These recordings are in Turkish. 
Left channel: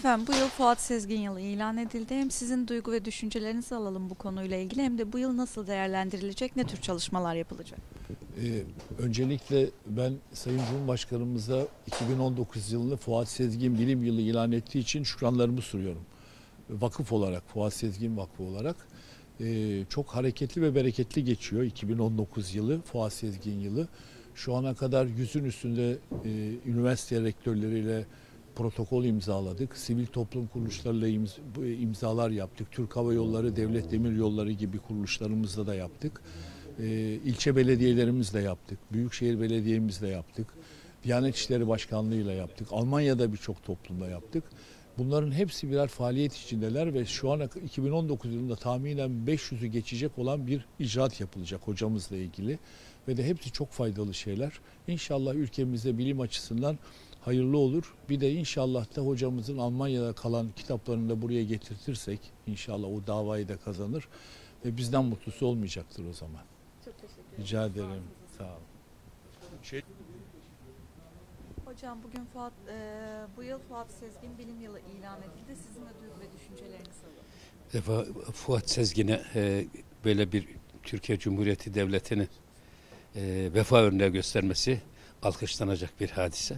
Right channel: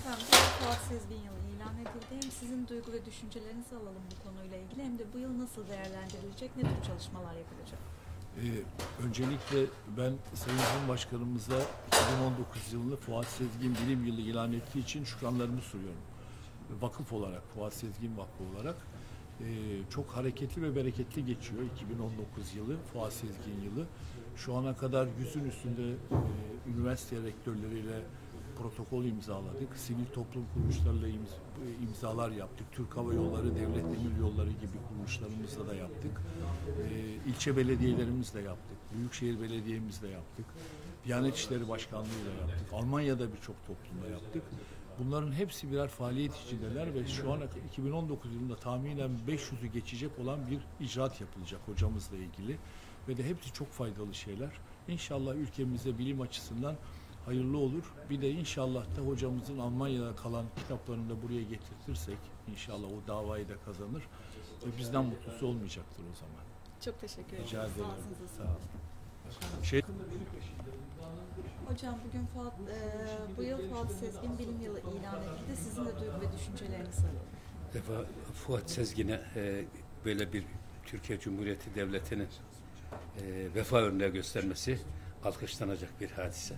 Efendim bu yıl Fuat Sezgin yılı ilan edildi. Hem sizin duygu ve düşüncelerinizi alalım bu konuyla ilgili hem de bu yıl nasıl değerlendirilecek, ne tür çalışmalar yapılacak? Öncelikle ben Sayın Cumhurbaşkanımıza 2019 yılını Fuat Sezgin Bilim Yılı ilan ettiği için şükranlarımı sunuyorum. Vakıf olarak, Fuat Sezgin Vakfı olarak çok hareketli ve bereketli geçiyor 2019 yılı, Fuat Sezgin yılı. Şu ana kadar 100'ün üstünde üniversite rektörleriyle protokol imzaladık. Sivil toplum kuruluşlarıyla imzalar yaptık. Türk Hava Yolları, Devlet Demiryolları gibi kuruluşlarımızla da yaptık. İlçe belediyelerimizle yaptık. Büyükşehir Belediye'mizle yaptık. Diyanet İşleri Başkanlığı'yla yaptık. Almanya'da birçok toplumda yaptık. Bunların hepsi birer faaliyet içindeler ve şu an 2019 yılında tahminen 500'ü geçecek olan bir icraat yapılacak hocamızla ilgili. Ve de hepsi çok faydalı şeyler. İnşallah ülkemizde bilim açısından hayırlı olur. Bir de inşallah da hocamızın Almanya'da kalan kitaplarını da buraya getirtirsek inşallah o davayı da kazanır. Bizden mutlusu olmayacaktır o zaman. Çok teşekkür ederim. Rica ederim. Sağ olun. Hocam bugün bu yıl Fuat Sezgin Bilim Yılı ilan edildi. Sizin de duygu ve düşüncelerinizi alalım. Fuat Sezgin'e böyle bir Türkiye Cumhuriyeti Devleti'nin vefa örneği göstermesi alkışlanacak bir hadise.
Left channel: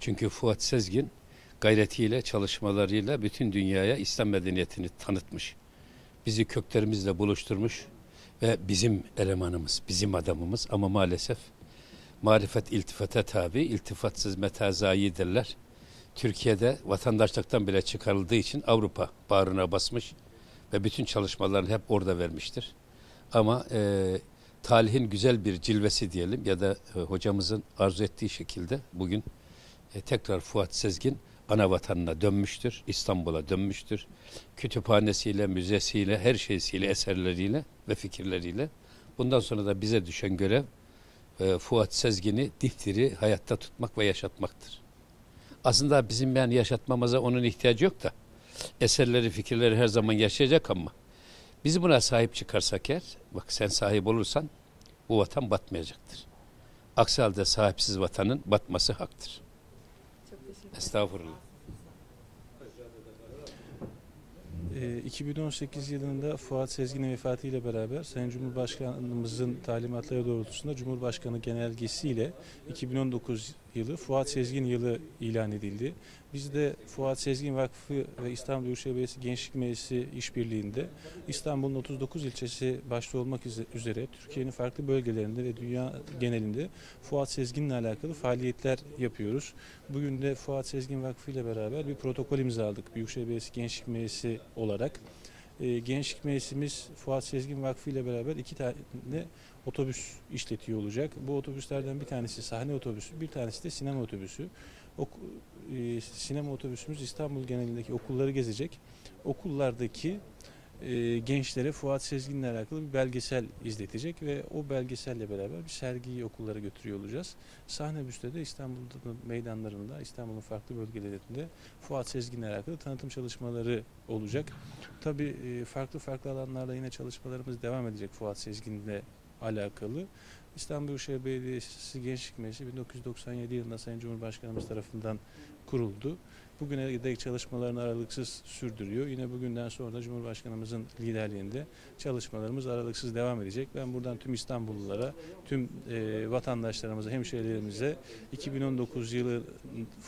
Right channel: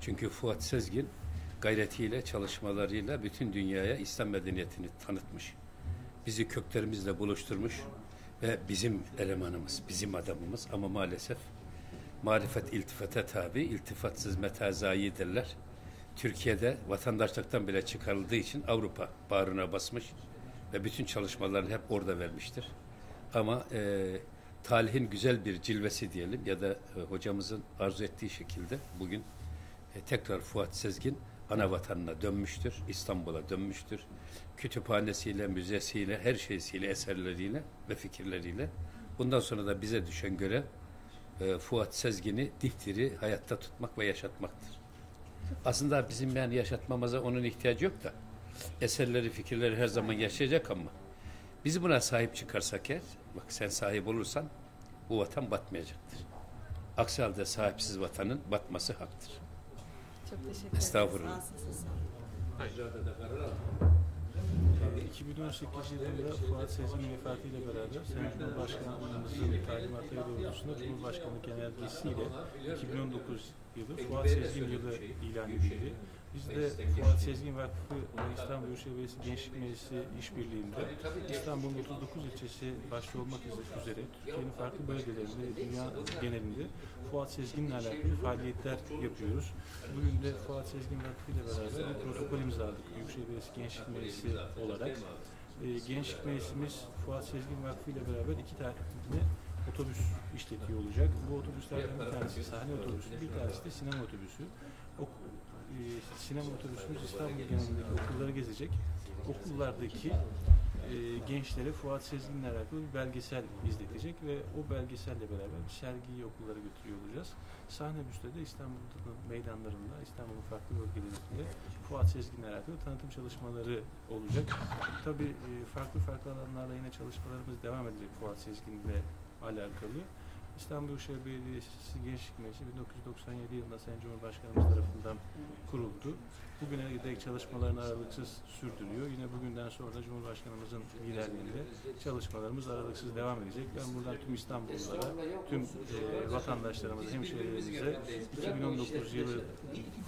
Çünkü Fuat Sezgin gayretiyle, çalışmalarıyla bütün dünyaya İslam medeniyetini tanıtmış. Bizi köklerimizle buluşturmuş ve bizim elemanımız, bizim adamımız ama maalesef marifet iltifata tabi, iltifatsız meta zayi derler. Türkiye'de vatandaşlıktan bile çıkarıldığı için Avrupa bağrına basmış ve bütün çalışmalarını hep orada vermiştir. Ama talihin güzel bir cilvesi diyelim ya da hocamızın arzu ettiği şekilde bugün tekrar Fuat Sezgin ana vatanına dönmüştür, İstanbul'a dönmüştür. Kütüphanesiyle, müzesiyle, her şeysiyle, eserleriyle ve fikirleriyle. Bundan sonra da bize düşen görev Fuat Sezgin'i dipdiri hayatta tutmak ve yaşatmaktır. Aslında bizim yani yaşatmamıza onun ihtiyacı yok da eserleri, fikirleri her zaman yaşayacak ama biz buna sahip çıkarsak eğer, bak sen sahip olursan bu vatan batmayacaktır. Aksi halde sahipsiz vatanın batması haktır. Çok teşekkür ederim. Estağfurullah. 2018 yılında Fuat Sezgin'in vefatıyla beraber Sayın Cumhurbaşkanımızın talimatları doğrultusunda Cumhurbaşkanı genelgesiyle 2019 yılı Fuat Sezgin yılı ilan edildi. Biz de Fuat Sezgin Vakfı ve İstanbul Büyükşehir Belediyesi Gençlik Meclisi işbirliğinde İstanbul'un 39 ilçesi başta olmak üzere Türkiye'nin farklı bölgelerinde ve dünya genelinde Fuat Sezgin'le alakalı faaliyetler yapıyoruz. Bugün de Fuat Sezgin Vakfı ile beraber bir protokol imzaladık Büyükşehir Belediyesi Gençlik Meclisi olarak. Gençlik Meclisimiz Fuat Sezgin Vakfı ile beraber 2 tane otobüs işletiyor olacak. Bu otobüslerden bir tanesi sahne otobüsü, bir tanesi de sinema otobüsü. Sinema otobüsümüz İstanbul genelindeki okulları gezecek. Okullardaki gençlere Fuat Sezgin'le alakalı bir belgesel izletecek ve o belgeselle beraber bir sergiyi okullara götürüyor olacağız. Sahne büste de İstanbul'un meydanlarında, İstanbul'un farklı bölgelerinde Fuat Sezgin'le alakalı tanıtım çalışmaları olacak. Tabii farklı alanlarda yine çalışmalarımız devam edecek Fuat Sezgin'le alakalı. İstanbul Büyükşehir Belediyesi Gençlik Meclisi 1997 yılında Sayın Cumhurbaşkanımız tarafından kuruldu. Bugüne dek çalışmalarını aralıksız sürdürüyor. Yine bugünden sonra da Cumhurbaşkanımızın liderliğinde çalışmalarımız aralıksız devam edecek. Ben buradan tüm İstanbullulara, tüm vatandaşlarımıza, hemşehrilerimize 2019 yılı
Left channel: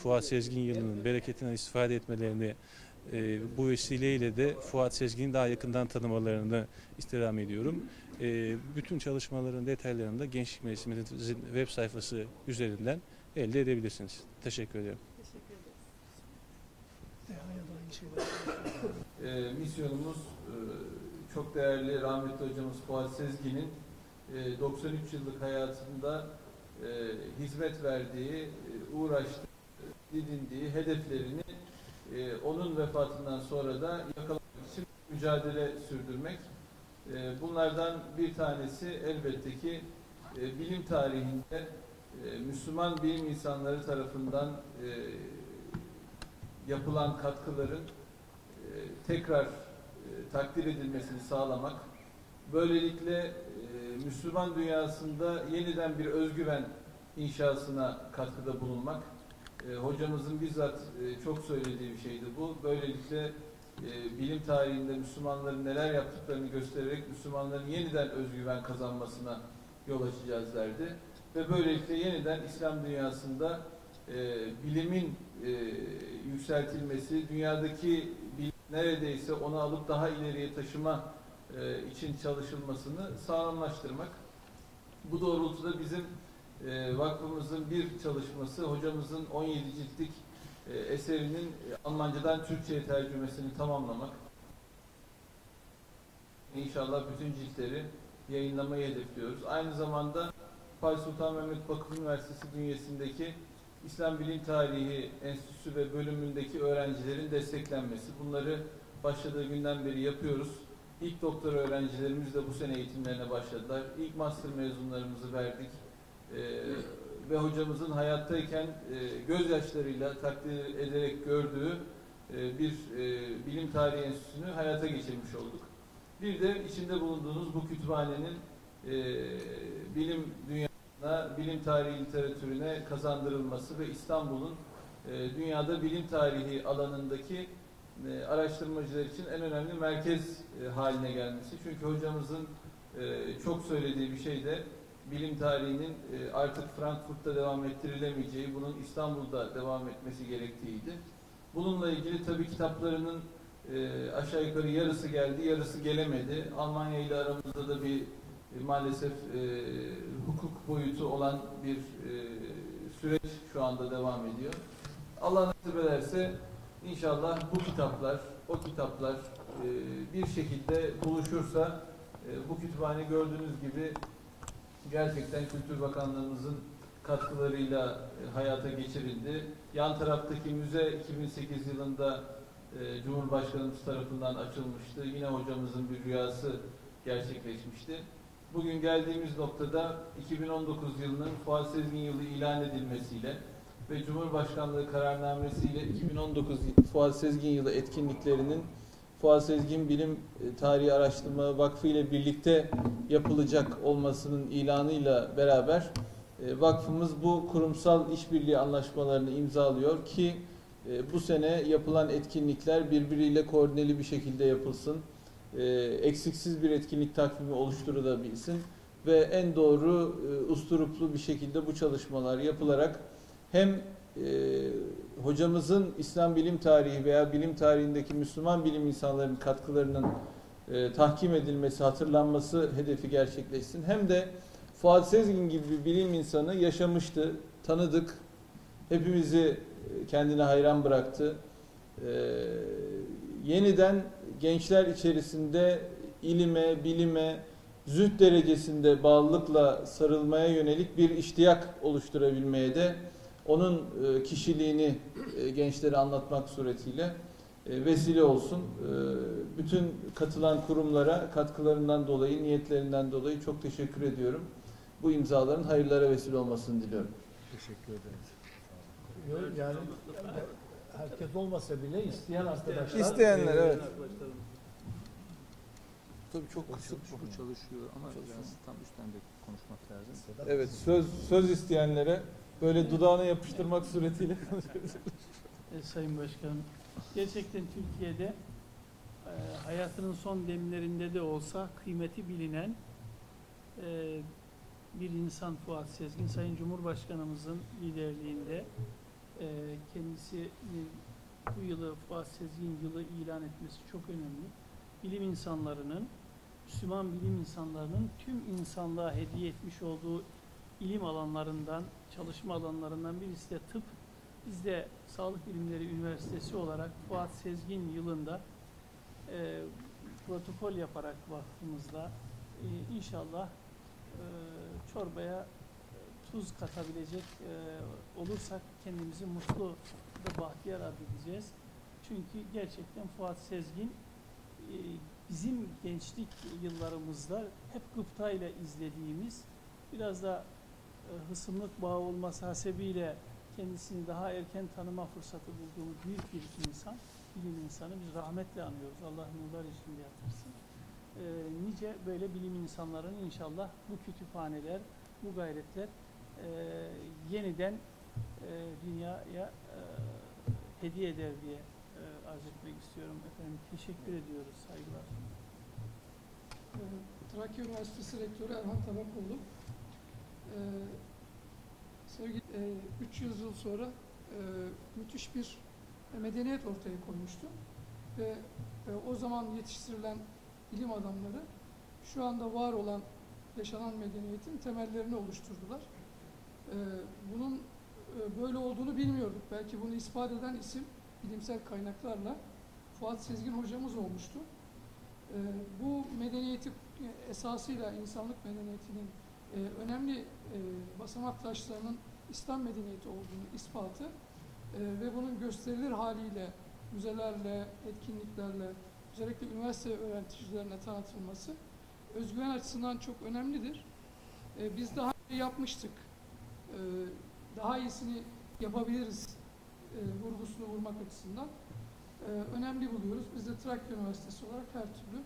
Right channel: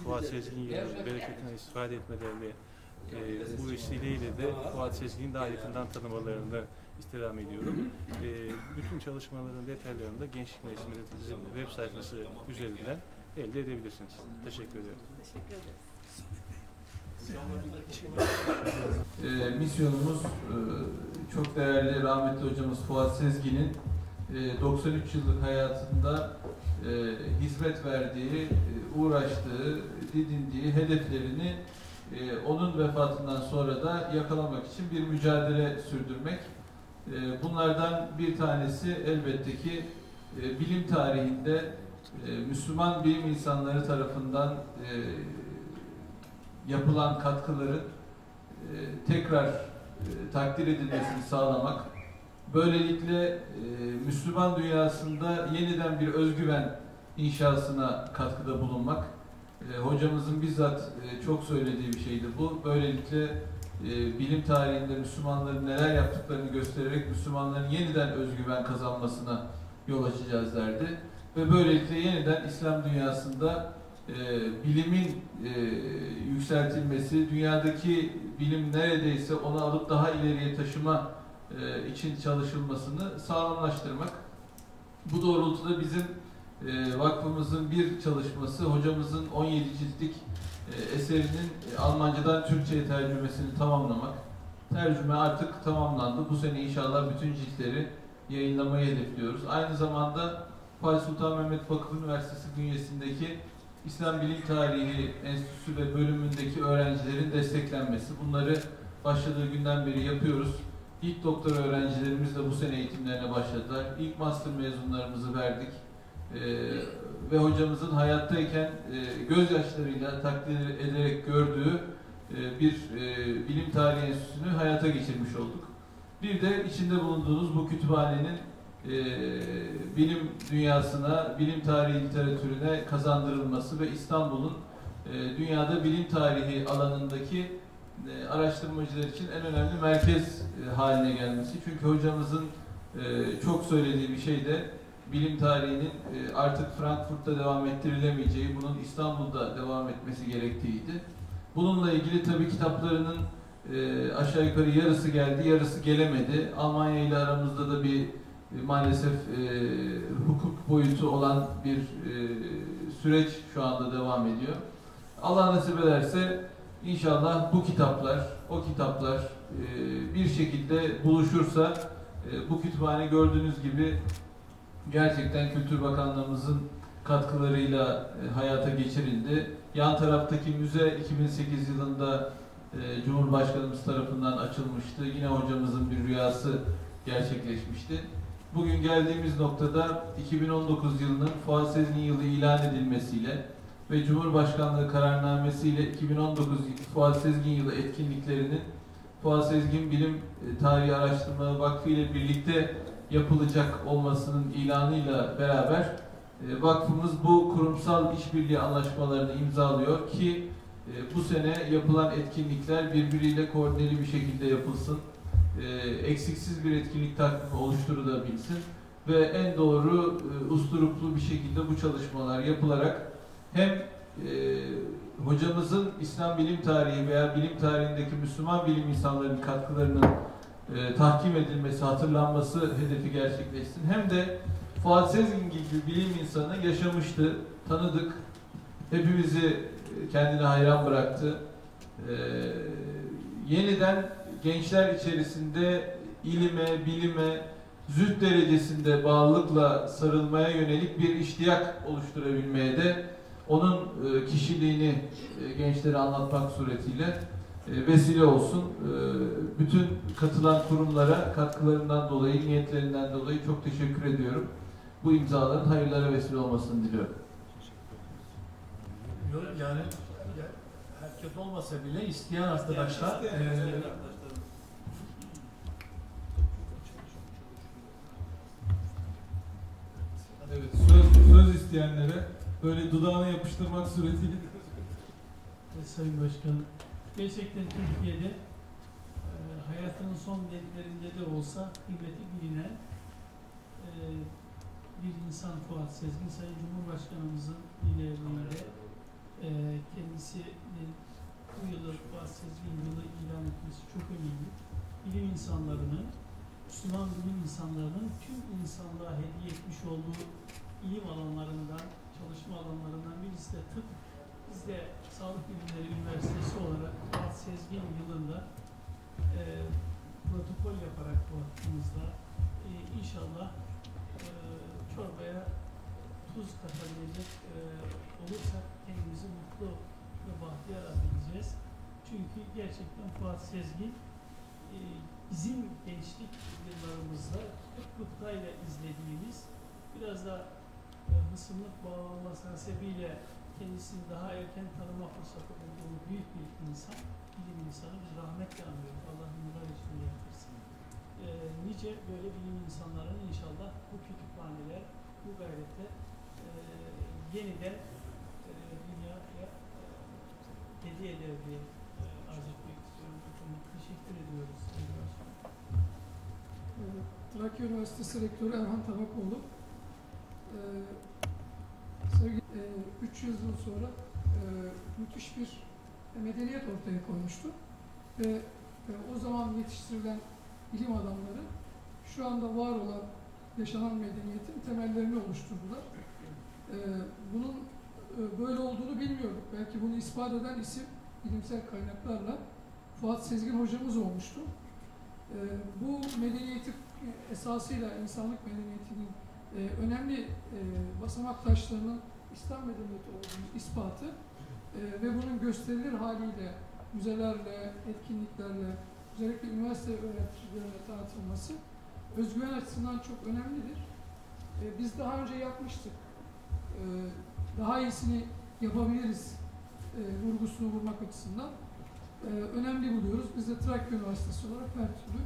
Fuat Sezgin yılının bereketinden istifade etmelerini bu vesileyle de Fuat Sezgin'i daha yakından tanımalarını istirham ediyorum. Bütün çalışmaların detaylarını da Gençlik Meclisimizin web sayfası üzerinden elde edebilirsiniz. Teşekkür ederim. Teşekkür ederiz. Misyonumuz çok değerli rahmetli hocamız Fuat Sezgin'in 93 yıllık hayatında hizmet verdiği, uğraştığı, didindiği hedeflerini onun vefatından sonra da yakalamak için bir mücadele sürdürmek. Bunlardan bir tanesi elbette ki bilim tarihinde Müslüman bilim insanları tarafından yapılan katkıların tekrar takdir edilmesini sağlamak. Böylelikle Müslüman dünyasında yeniden bir özgüven inşasına katkıda bulunmak Hocamızın bizzat çok söylediği bir şeydi bu. Böylelikle bilim tarihinde Müslümanların neler yaptıklarını göstererek Müslümanların yeniden özgüven kazanmasına yol açacağız derdi. Ve böylelikle yeniden İslam dünyasında bilimin yükseltilmesi, dünyadaki bilim neredeyse onu alıp daha ileriye taşıma için çalışılmasını sağlamlaştırmak. Bu doğrultuda bizim vakfımızın bir çalışması, hocamızın 17 ciltlik eserinin Almancadan Türkçe'ye tercümesini tamamlamak. Tercüme artık tamamlandı. Bu sene inşallah bütün ciltleri yayınlamayı hedefliyoruz. Aynı zamanda Fatih Sultan Mehmet Vakıf Üniversitesi bünyesindeki İslam Bilim Tarihi Enstitüsü ve bölümündeki öğrencilerin desteklenmesi. Bunları başladığı günden beri yapıyoruz. İlk doktor öğrencilerimiz de bu sene eğitimlerine başladılar. İlk master mezunlarımızı verdik. Ve hocamızın hayattayken gözyaşlarıyla takdir ederek gördüğü bir bilim tarihi enstitüsünü hayata geçirmiş olduk. Bir de içinde bulunduğunuz bu kütüphanenin bilim dünyasına, bilim tarihi literatürüne kazandırılması ve İstanbul'un dünyada bilim tarihi alanındaki araştırmacılar için en önemli merkez haline gelmesi. Çünkü hocamızın çok söylediği bir şey de bilim tarihinin artık Frankfurt'ta devam ettirilemeyeceği, bunun İstanbul'da devam etmesi gerektiğiydi. Bununla ilgili tabii kitaplarının aşağı yukarı yarısı geldi, yarısı gelemedi. Almanya ile aramızda da bir maalesef hukuk boyutu olan bir süreç şu anda devam ediyor. Allah nasip ederse inşallah bu kitaplar, o kitaplar bir şekilde buluşursa bu kütüphane gördüğünüz gibi gerçekten Kültür Bakanlığımızın katkılarıyla hayata geçirildi. Yan taraftaki müze 2008 yılında Cumhurbaşkanımız tarafından açılmıştı. Yine hocamızın bir rüyası gerçekleşmişti. Bugün geldiğimiz noktada 2019 yılının Fuat Sezgin yılı ilan edilmesiyle ve Cumhurbaşkanlığı kararnamesiyle 2019 Fuat Sezgin yılı etkinliklerinin Fuat Sezgin Bilim Tarihi Araştırma Vakfı ile birlikte yapılacak olmasının ilanıyla beraber vakfımız bu kurumsal işbirliği anlaşmalarını imzalıyor ki bu sene yapılan etkinlikler birbiriyle koordineli bir şekilde yapılsın. Eksiksiz bir etkinlik takvimi oluşturulabilsin ve en doğru, usturuplu bir şekilde bu çalışmalar yapılarak hem hocamızın İslam bilim tarihi veya bilim tarihindeki Müslüman bilim insanlarının katkılarının tahkim edilmesi, hatırlanması hedefi gerçekleşsin. Hem de Fuat Sezgin gibi bir bilim insanı yaşamıştı, tanıdık, hepimizi kendine hayran bıraktı. Yeniden gençler içerisinde ilime, bilime, zühd derecesinde bağlılıkla sarılmaya yönelik bir iştiyak oluşturabilmeye de onun kişiliğini gençlere anlatmak suretiyle vesile olsun. Bütün katılan kurumlara katkılarından dolayı, niyetlerinden dolayı çok teşekkür ediyorum. Bu imzaların hayırlara vesile olmasını diliyorum. Teşekkür ederiz. Yani herkes olmasa bile isteyen arkadaşlar. İsteyenler, evet. Tabii çok kısa çalışıyor ama Evet, söz isteyenlere böyle dudağına yapıştırmak suretiyle Sayın Başkan, gerçekten Türkiye'de hayatının son demlerinde de olsa kıymeti bilinen bir insan Fuat Sezgin, Sayın Cumhurbaşkanımızın liderliğinde kendisinin bu yılı Fuat Sezgin yılı ilan etmesi çok önemli. Bilim insanlarının, Müslüman bilim insanlarının tüm insanlığa hediye etmiş olduğu ilim alanlarından, çalışma alanlarından birisi de tıp. Biz de Sağlık Bilimleri Üniversitesi olarak Fuat Sezgin yılında protokol yaparak vakfımızda inşallah çorbaya tuz katabilecek olursak kendimizi mutlu ve bahtiyar edeceğiz. Çünkü gerçekten Fuat Sezgin bizim gençlik yıllarımızda hep gıptayla izlediğimiz, biraz da hısımlık bağı olması hasebiyle kendisini daha erken tanıma fırsatı bulduğumuz büyük bir insan, bilim insanı. Biz rahmetle anıyoruz. Allah nurlar içinde yatırsın. Nice böyle bilim insanların inşallah bu kütüphaneler, bu gayretler yeniden dünyaya hediye eder diye arz etmek istiyorum efendim. Teşekkür ediyoruz. Saygılar. Trakya Üniversitesi Rektörü Erhan Tabakoğlu. 300 yıl sonra müthiş bir medeniyet ortaya koymuştu. Ve o zaman yetiştirilen bilim adamları şu anda var olan yaşanan medeniyetin temellerini oluşturdular. Bunun böyle olduğunu bilmiyorduk. Belki bunu ispat eden isim bilimsel kaynaklarla Fuat Sezgin hocamız olmuştu. Bu medeniyeti esasıyla insanlık medeniyetinin önemli basamak taşlarının İslam medeniyeti olduğunu ispatı ve bunun gösterilir haliyle müzelerle, etkinliklerle, özellikle üniversite öğreticilerine tanıtılması özgüven açısından çok önemlidir. Biz daha önce yapmıştık. Daha iyisini yapabiliriz vurgusunu vurmak açısından önemli buluyoruz. Biz de Trakya Üniversitesi olarak her türlü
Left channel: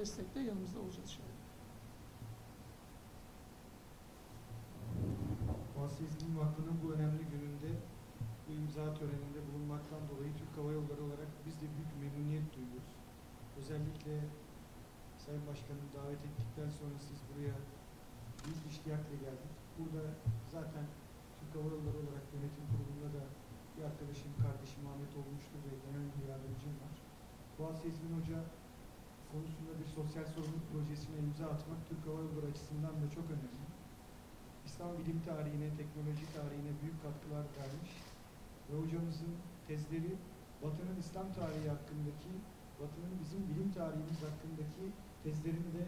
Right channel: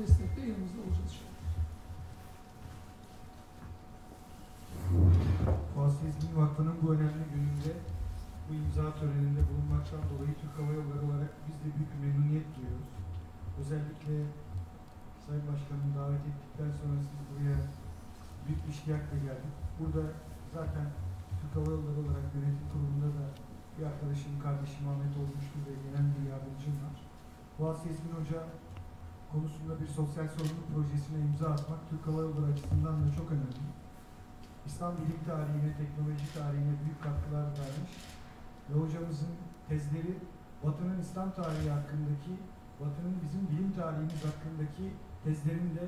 destekte yanımızda olacağız. Fuat Sezgin Vakfı'nın bu önemli gününde, bu imza töreninde bulunmaktan dolayı Türk Hava Yolları olarak biz de büyük bir memnuniyet duyuyoruz. Özellikle Sayın Başkanım davet ettikten sonra siz buraya büyük bir iştiyakla geldik. Burada zaten Türk Hava Yolları olarak yönetim kurulunda da bir arkadaşım, kardeşim Ahmet olmuştur ve genel bir yardımcım var. Fuat Sezgin Hoca konusunda bir sosyal sorumluluk projesine imza atmak Türk Hava Yolları açısından da çok önemli. İslam bilim tarihine, teknoloji tarihine büyük katkılar vermiş ve hocamızın tezleri Batı'nın İslam tarihi hakkındaki, Batı'nın bizim bilim tarihimiz hakkındaki tezlerini de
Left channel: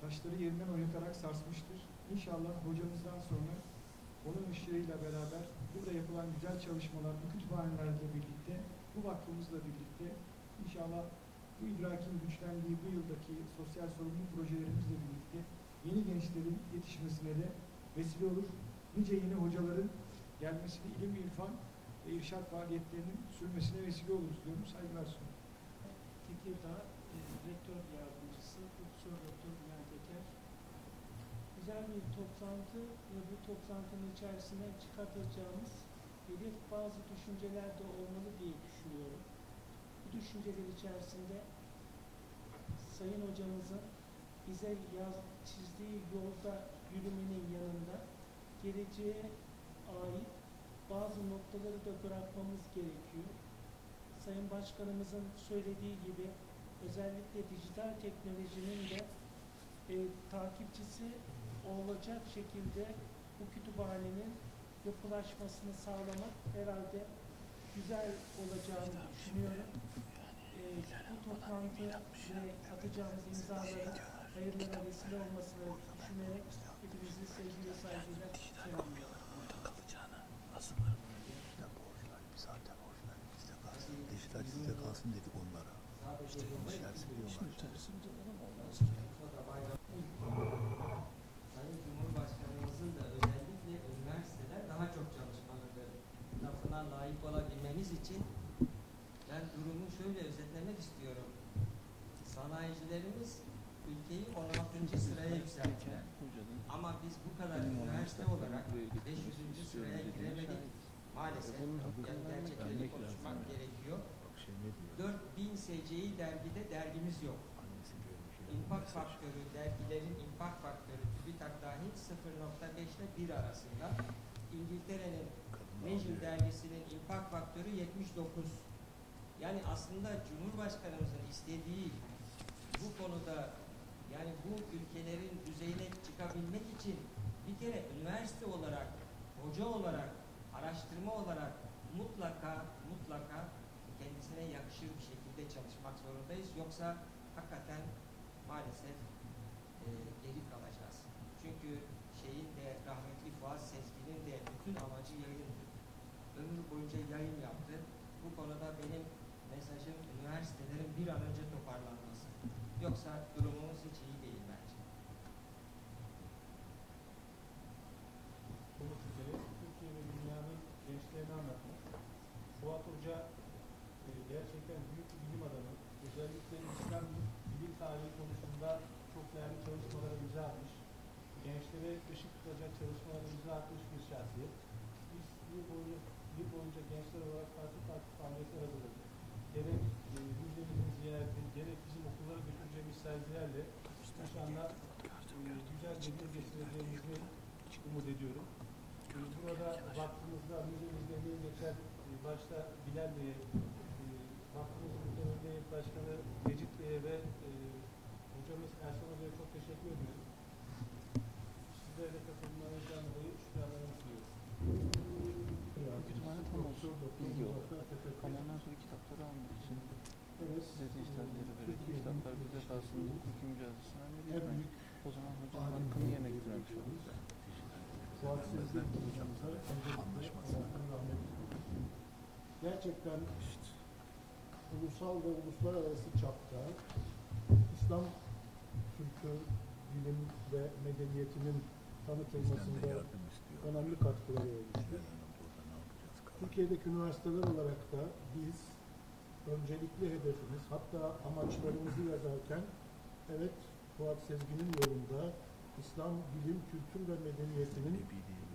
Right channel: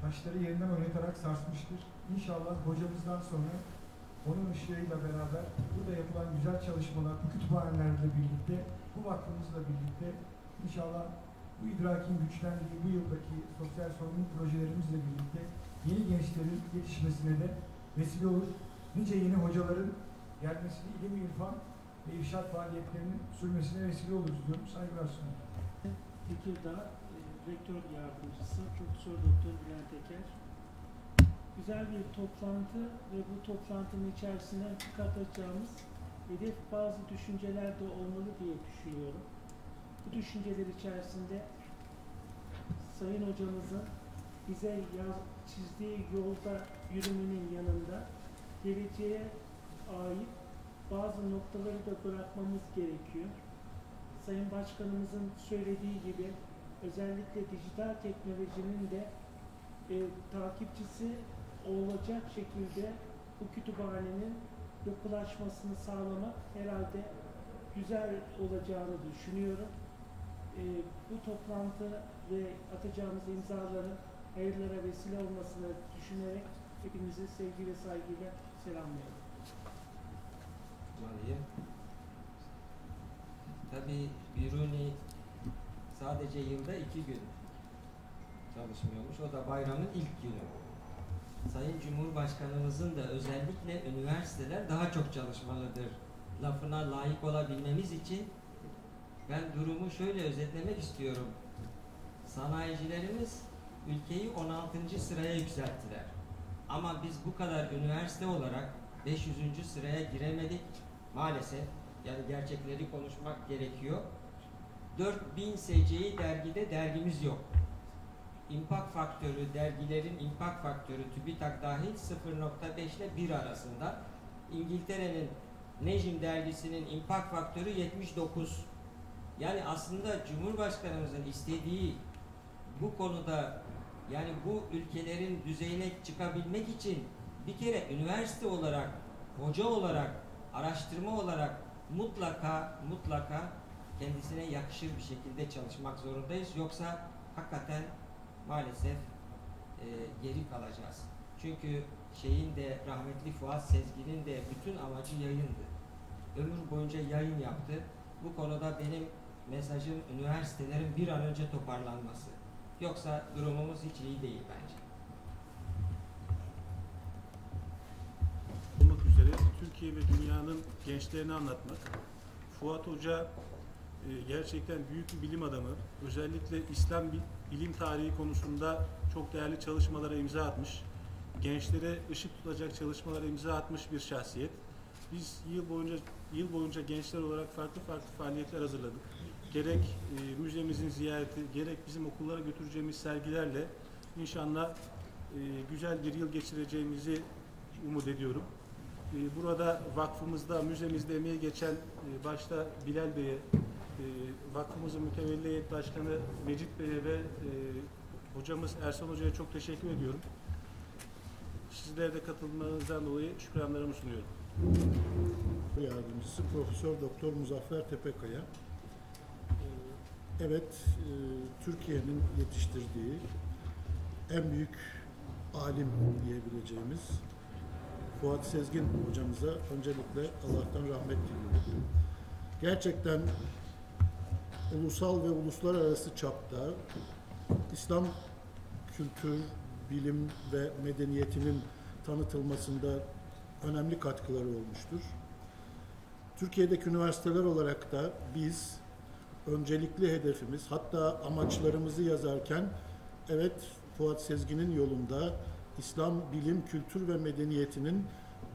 taşları yerinden oynatarak sarsmıştır. İnşallah hocamızdan sonra onun ışığıyla beraber burada yapılan güzel çalışmalar, bu kütüphanelerle birlikte, bu vakfımızla birlikte inşallah bu idrakin güçlendiği bu yıldaki sosyal sorumluluk projelerimizle birlikte yeni gençlerin yetişmesine de vesile olur. Nice yeni hocaların gelmesini, ilim, irfan ve irşat faaliyetlerinin sürmesine vesile oluruz diyorum. Saygılar sunuyorum. Tekirdağ Rektör Yardımcısı Profesör Doktor Bülent Eker. Güzel bir toplantı ve bu toplantının içerisinden çıkartacağımız hedef bazı düşünceler de olmalı diye düşünüyorum. Bu düşünceler içerisinde Sayın Hocamızın bize çizdiği yolda yürümenin yanında geleceğe ait bazı noktaları da bırakmamız gerekiyor. Sayın Başkanımızın söylediği gibi özellikle dijital teknolojinin de takipçisi olacak şekilde bu kütüphanenin yapılaşmasını sağlamak herhalde güzel olacağını düşünüyorum. Bu toplantı ve atacağımız imzaların hayırlara vesile olmasını düşünerek hepinizi sevgi ve saygıyla selamlıyorum. Tabii Biruni sadece yılda 2 gün çalışmıyormuş. O da bayramın ilk günü. Sayın Cumhurbaşkanımızın da özellikle üniversiteler daha çok çalışmalıdır lafına layık olabilmemiz için ben durumu şöyle özetlemek istiyorum. Sanayicilerimiz ülkeyi 16. sıraya yükselttiler. Ama biz bu kadar üniversite olarak 500. sıraya giremedik. Maalesef yani gerçekleri konuşmak gerekiyor. 4000 SCI dergide dergimiz yok. İmpact faktörü, dergilerin impact faktörü TÜBİTAK dahil 0.5 ile 1 arasında. İngiltere'nin Nejm dergisinin impact faktörü 79. Yani aslında Cumhurbaşkanımızın istediği bu konuda yani bu ülkelerin düzeyine çıkabilmek için bir kere üniversite olarak, hoca olarak, araştırma olarak mutlaka kendisine yakışır bir şekilde çalışmak zorundayız. Yoksa hakikaten maalesef geri kalacağız. Çünkü şeyin de rahmetli Fuat Sezgin'in de bütün amacı yayındı. Ömür boyunca yayın yaptı. Bu konuda benim mesajım üniversitelerin bir an önce toparlanması. Yoksa durumumuz hiç iyi değil bence. Olmak üzere Türkiye ve dünyanın gençlerini anlatmak. Fuat Hoca gerçekten büyük bir bilim adamı. Özellikle İslam bilim tarihi konusunda çok değerli çalışmalara imza atmış. Gençlere ışık tutacak çalışmalara imza atmış bir şahsiyet. Biz yıl boyunca gençler olarak farklı faaliyetler hazırladık. Gerek müzemizin ziyareti, gerek bizim okullara götüreceğimiz sergilerle inşallah güzel bir yıl geçireceğimizi umut ediyorum. Burada vakfımızda, müzemizde emeği geçen başta Bilal Bey'e, vakfımızın mütevelli heyet başkanı Mecit Bey'e ve hocamız Ersan Hoca'ya çok teşekkür ediyorum. Sizlere de katılmanızdan dolayı şükranlarımı sunuyorum. Yardımcısı Profesör Doktor Muzaffer Tepekaya. Evet, Türkiye'nin yetiştirdiği en büyük alim diyebileceğimiz Fuat Sezgin hocamıza öncelikle Allah'tan rahmet diliyorum. Gerçekten ulusal ve uluslararası çapta İslam kültür, bilim ve medeniyetinin tanıtılmasında önemli katkıları olmuştur. Türkiye'deki üniversiteler olarak da biz öncelikli hedefimiz, hatta amaçlarımızı yazarken evet Fuat Sezgin'in yolunda İslam bilim, kültür ve medeniyetinin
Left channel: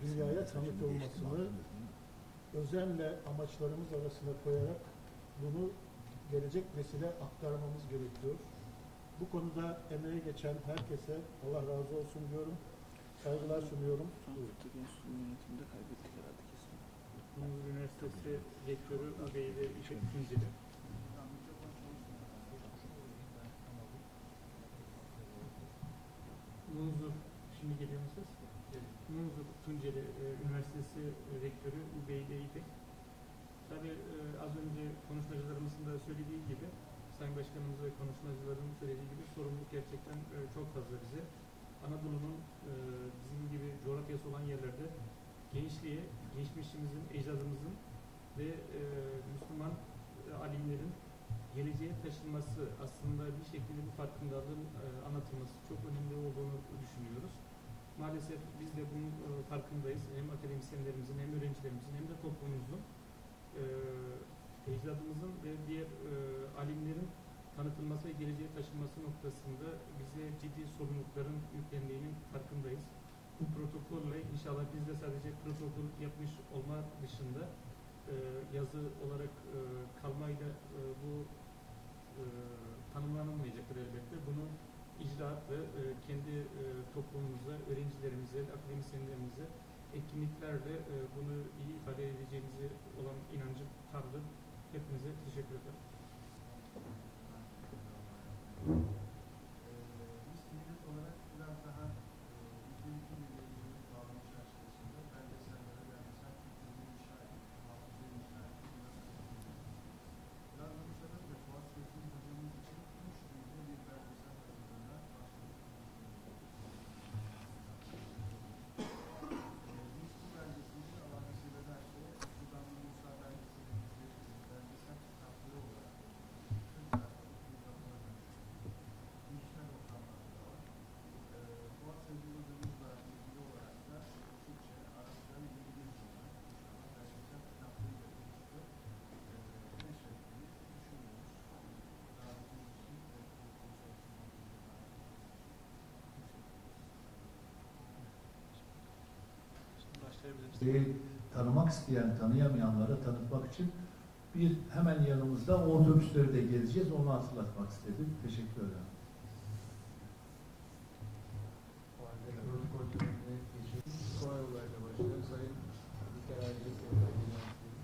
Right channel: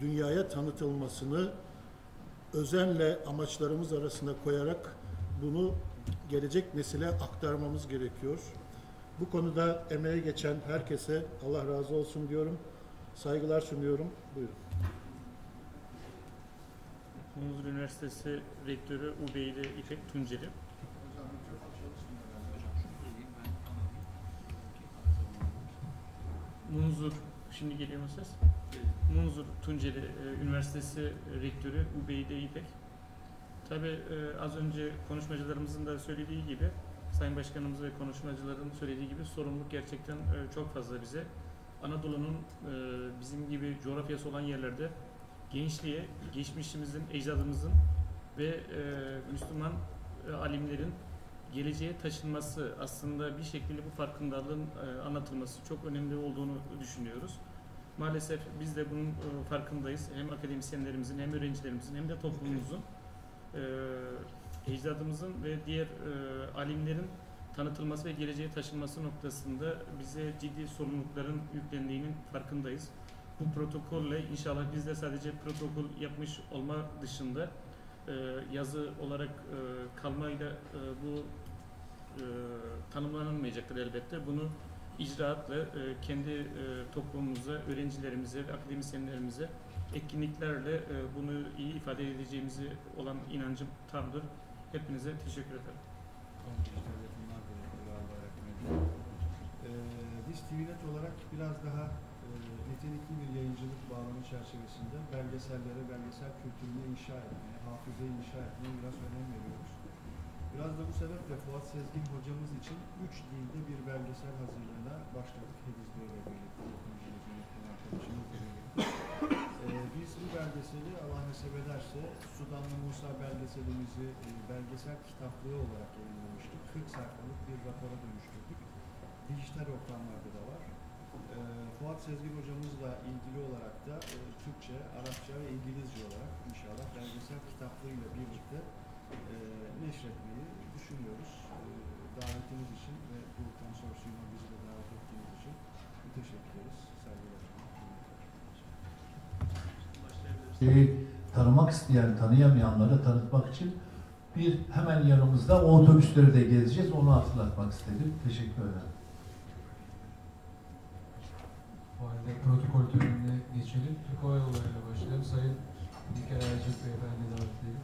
dünyaya tanıtılmasını özenle amaçlarımız arasına koyarak bunu gelecek nesile aktarmamız gerekiyor. Bu konuda emeğe geçen herkese Allah razı olsun diyorum. Saygılar sunuyorum. Buyurun. Munzur Üniversitesi Rektörü Ubeyde İpek Tunceli. Munzur, şimdi geliyor mu ses? Munzur Tunceli Üniversitesi Rektörü Ubeyde İpek. Tabii az önce konuşmacılarımızın da söylediği gibi, Sayın Başkanımız ve konuşmacıların söylediği gibi sorumluluk gerçekten çok fazla bize. Anadolu'nun bizim gibi coğrafyası olan yerlerde gençliğe, geçmişimizin, ecdadımızın ve Müslüman alimlerin geleceğe taşınması, aslında bir şekilde bu farkındalığın anlatılması çok önemli olduğunu düşünüyoruz. Maalesef biz de bunun farkındayız. Hem akademisyenlerimizin, hem öğrencilerimizin, hem de toplumumuzun, ecdadımızın ve diğer alimlerin tanıtılması ve geleceğe taşınması noktasında bize ciddi sorumlulukların yüklendiğinin farkındayız. Bu protokolle inşallah biz de sadece protokol yapmış olma dışında yazı olarak kalmayla bu tanımlanamayacaktır elbette. Bunu icraatla kendi toplumumuza, öğrencilerimize ve akademisyenlerimize etkinliklerle bunu iyi ifade edeceğimizi olan inancım tamdır. Hepinize teşekkür ederim. Biz TVNet olarak biraz daha nitelikli bir yayıncılık bağlamı çerçevesinde belgesellere, belgesel kültürünü inşa etmeye, hafızayı inşa etmeye biraz önem veriyoruz. Biraz da bu sebeple Fuat Sezgin hocamız için 3 dilde bir belgesel hazırlığına başladık. Hediz Bey'le birlikte. Biz bu belgeseli Allah nasip ederse Sudanlı Musa belgeselimizi belgesel kitaplığı olarak yayınlamıştık. 40 sayfalık bir rapora dönüştürdük. Dijital ortamlarda da var. Fuat Sezgin hocamızla ilgili olarak da Türkçe, Arapça ve İngilizce olarak inşallah belgesel kitaplığıyla birlikte neşretmeyi düşünüyoruz. Davetiniz için ve bu konsorsiyuma bizi de davet ettiğiniz için teşekkür ederiz. Tanımak isteyen, tanıyamayanları tanıtmak için hemen yanımızda o otobüsleri de gezeceğiz. Onu hatırlatmak istedim. Teşekkür ederim. Bu halde protokol törenine geçelim. Kolay olayla başlayalım. Sayın İlker Ayacak Beyefendi davet edelim.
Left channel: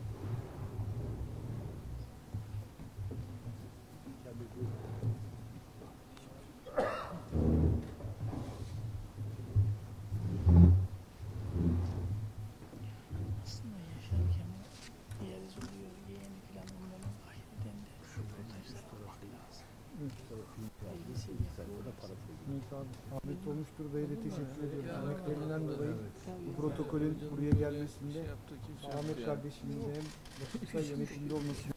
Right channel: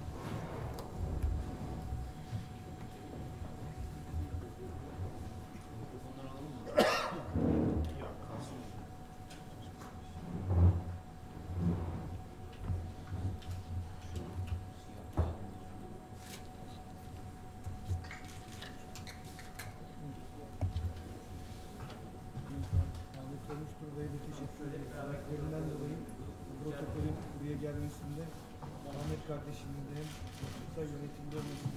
Konuştur Bey'le teşekkür ederim. Emeklerinden dolayı bu protokolün buraya gelmesinde Ahmet kardeşimin de hem kısa yönetimde olması için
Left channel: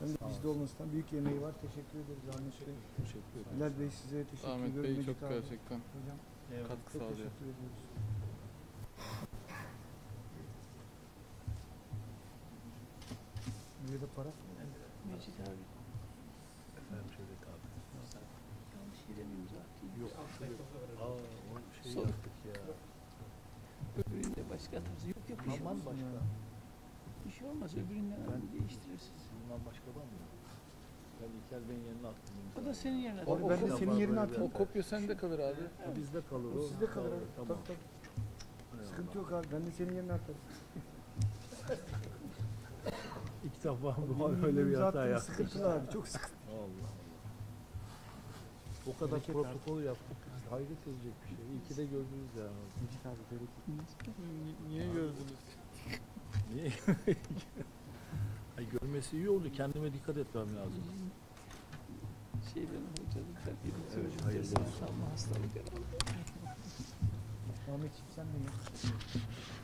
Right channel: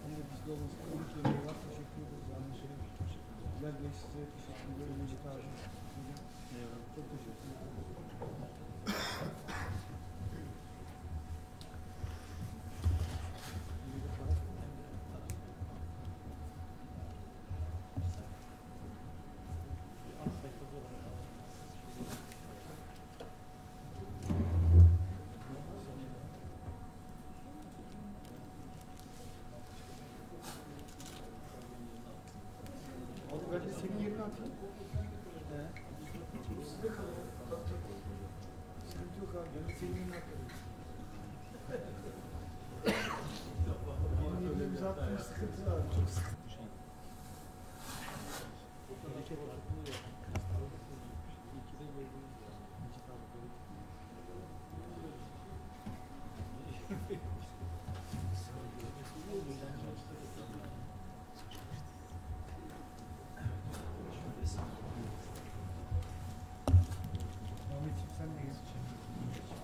hem de bizde olmasından büyük yemeği var. Teşekkür ederiz Ahmet Bey. Bilal Bey size teşekkür ederim. Ahmet Bey çok gerçekten katkı sağlıyor. Hadi senin yerine atayım. O kopya sende kalır abi. Bizde kalır o. Sizde kalır. Tamam. Sıkıntı yok abi. Ben de senin yerine atayım. İlk defa böyle bir hata yaptık. Sıkıntılı abi. Çok sıkıntı. O kadar protokol yaptık. Hayret edecek bir şey. İyi ki de gördünüz yani. Niye gördünüz? Niye? Ay, görmesi iyi oldu. Kendime dikkat etmem lazım. Şey benim hocam. Hayırlı olsun. Ahmetciğim sen de geç.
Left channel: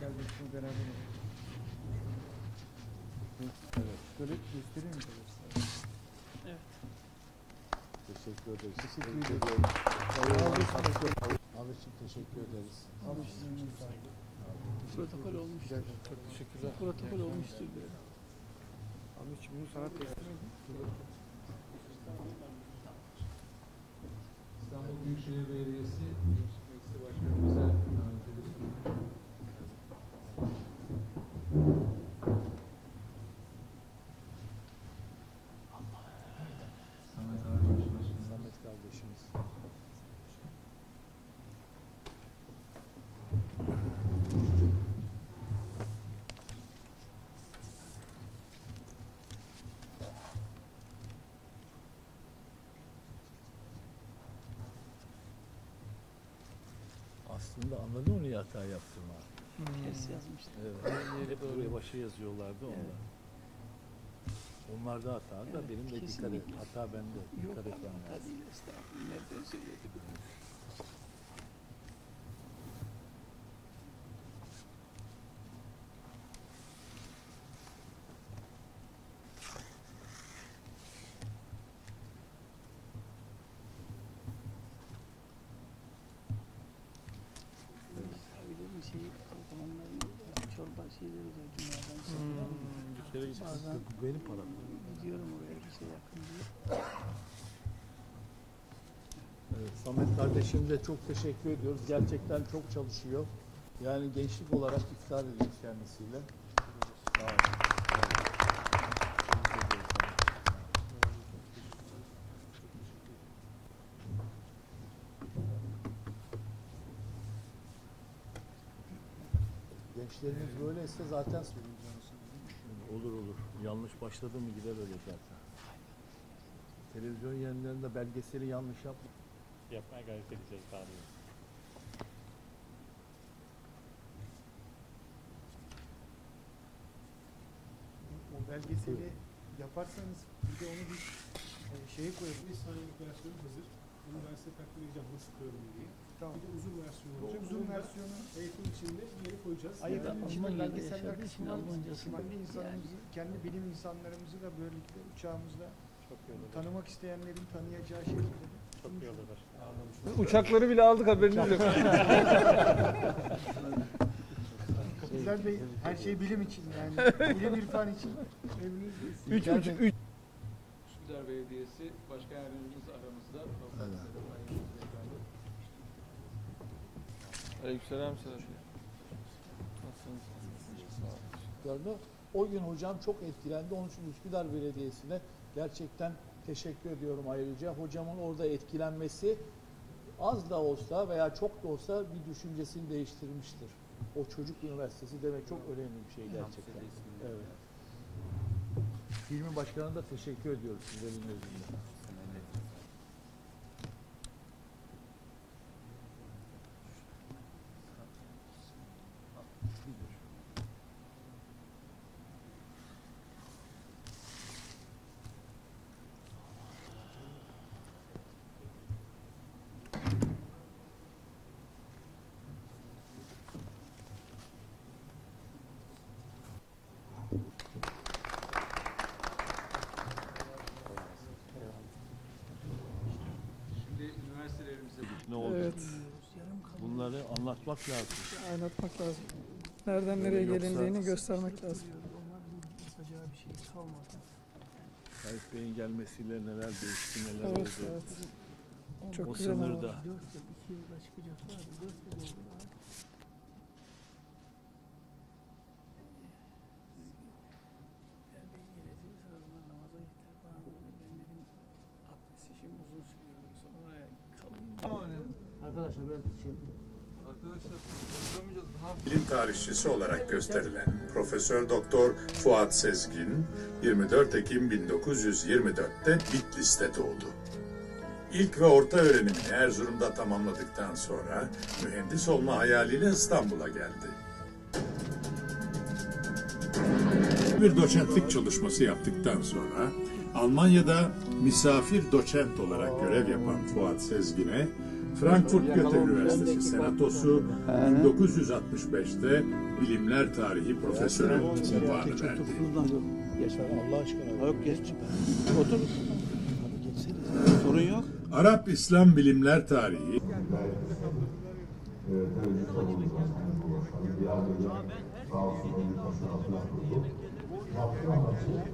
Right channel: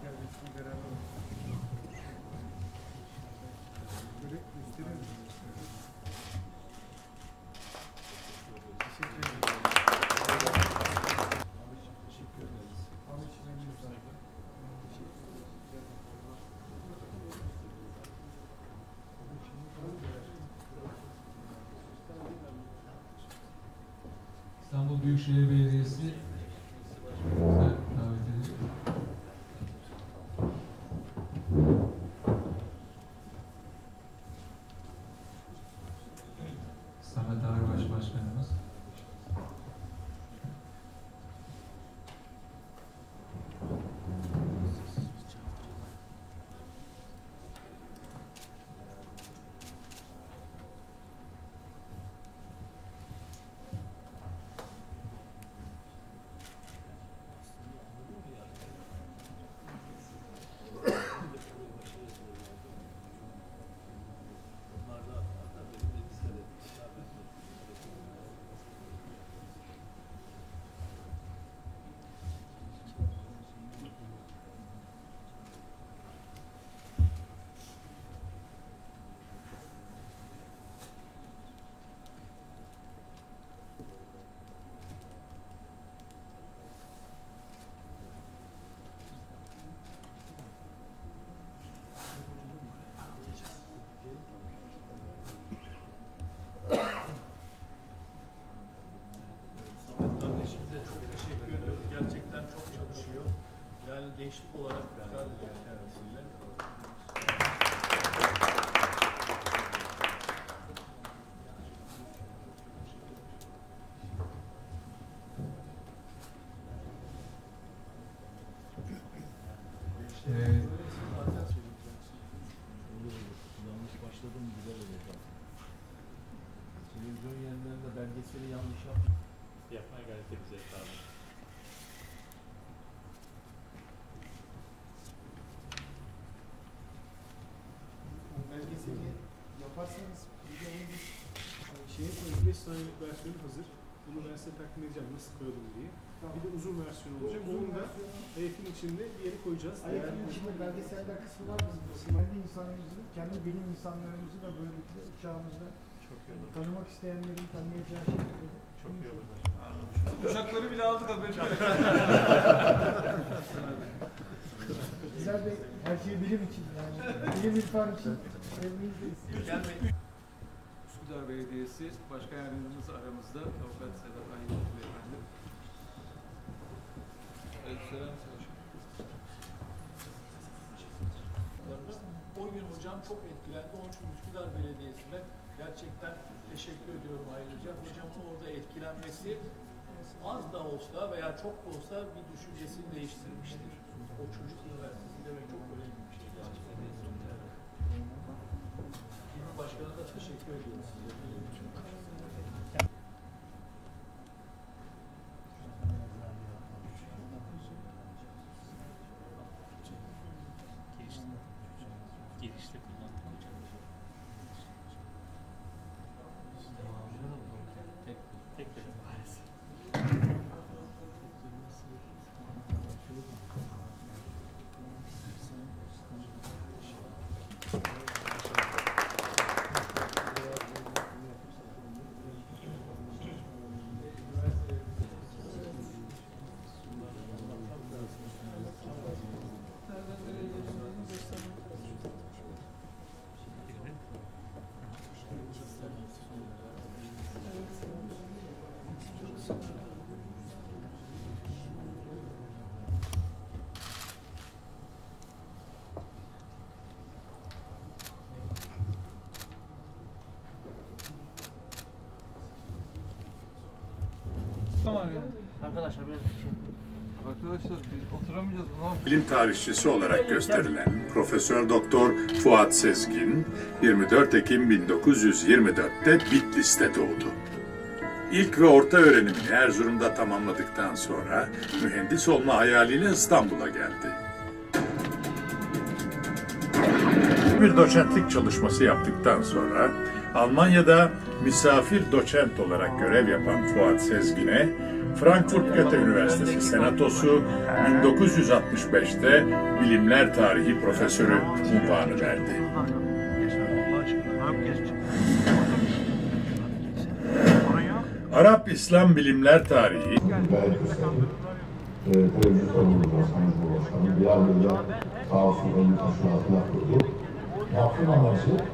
Geldin şimdi beraber. Böyle gösteriyor musun? Teşekkür ederiz. Teşekkür ederim. Ahmetciğim teşekkür ederiz. Ahmetciğim sağ olun. Protokol olmuştur. Çok teşekkürler. Protokol olmuştur. Ahmetciğim bunu sana koyarım. İstanbul Büyükşehir Belediyesi davet edildi. Samet Arbaş Başkanımız. Aslında anladın mı niye hata yaptığını? Evet. Böyle başı yazıyorlardı onu. Onlar da hata da benim de dikkat et. Hata bende. Dikkat etmem lazım. Benim param. Evet, Samet kardeşim de çok teşekkür ediyoruz. Gerçekten çok çalışıyor. Yani gençlik olarak iftar edeceğiz kendisiyle. Gençlerin böylesi zaten olur olur. Yanlış başladı mı gider öyle zaten. Televizyon yayınlarında belgeseli yanlış yaptık. Yapmaya gayret edeceğiz abi. O belgeseli yaparsanız bir de onu bir şeye koyun. Bir sonraki versiyonu hazır. Bunu ben size takdim edeceğim nasıl koyalım diye. Tamam. Bir de uzun versiyonu Bu olacak. uzun Bunu da versiyonu AYF'in içinde bir yere koyacağız. Ayet'in içinde belgeseller kısmı var bence. Kendi insanımızı, kendi bilim insanlarımızı da böylelikle uçağımızda tanımak isteyenlerin tanıyacağı şekilde. Uçakları bile aldık haberiniz yok. Güzel Bey, her şey bilim için yani. Bilim irfan için. Üsküdar Belediyesi Başkan Yardımcımız aramızda. Avukat Sedat Aydın Beyefendi. Aleykümselam. O gün hocam çok etkilendi. Onun için Üsküdar Belediyesi'ne gerçekten teşekkür ediyorum ayrıca. Hocamın orada etkilenmesi az da olsa veya çok da olsa bir düşüncesini değiştirmiştir. O çocuk üniversitesi demek çok önemli bir şey gerçekten. Evet. İlmi Başkanı'na da teşekkür ediyoruz. Ne oldu? Evet. Bunları anlatmak lazım. Anlatmak lazım. Nereden nereye gelindiğini göstermek lazım. Tayyip Bey'in gelmesiyle neler değişti, neler Evet, oldu. evet. Çok O güzel. sınırda. Arkadaşlar oturamayacağız lan. Bilim tarihçisi olarak gösterilen Profesör Doktor Fuat Sezgin 24 Ekim 1924'te Bitlis'te doğdu. İlk ve orta öğrenimini Erzurum'da tamamladıktan sonra mühendis olma hayaliyle İstanbul'a geldi. Bir doçentlik çalışması yaptıktan sonra Almanya'da misafir doçent olarak görev yapan Fuat Sezgin'e Frankfurt Goethe Üniversitesi Senatosu 1965'te Bilimler Tarihi Profesörü unvanı verdi. Arap İslam Bilimler Tarihi Yaptığım amacı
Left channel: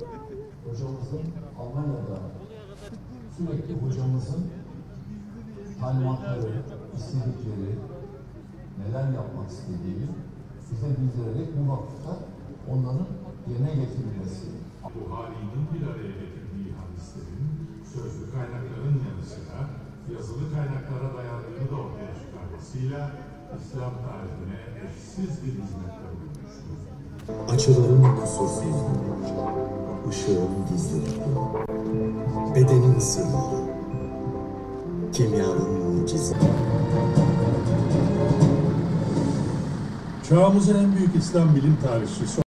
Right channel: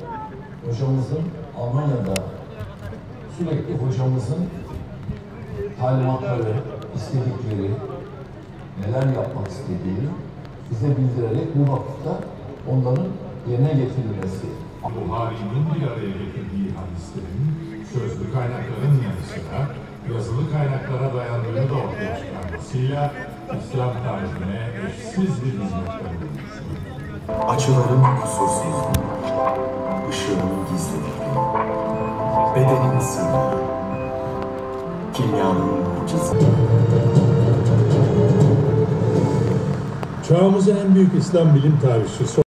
hocamızın Almanya'da sürekli hocamızın talimatları, istedikleri, neler yapmak istediğini bize bildirerek bu vakıfta onların yerine getirilmesi. Buhari'nin bir araya getirdiği hadislerin sözlü kaynakların yanı sıra yazılı kaynaklara dayandığını da ortaya çıkarmasıyla İslam tarihine eşsiz bir hizmet vermiştir. Açıların kusursuzluğu, ışığın gizliliği, bedenin sırrı, kimyanın mucizesi. Çağımızın en büyük İslam bilim tarihçisi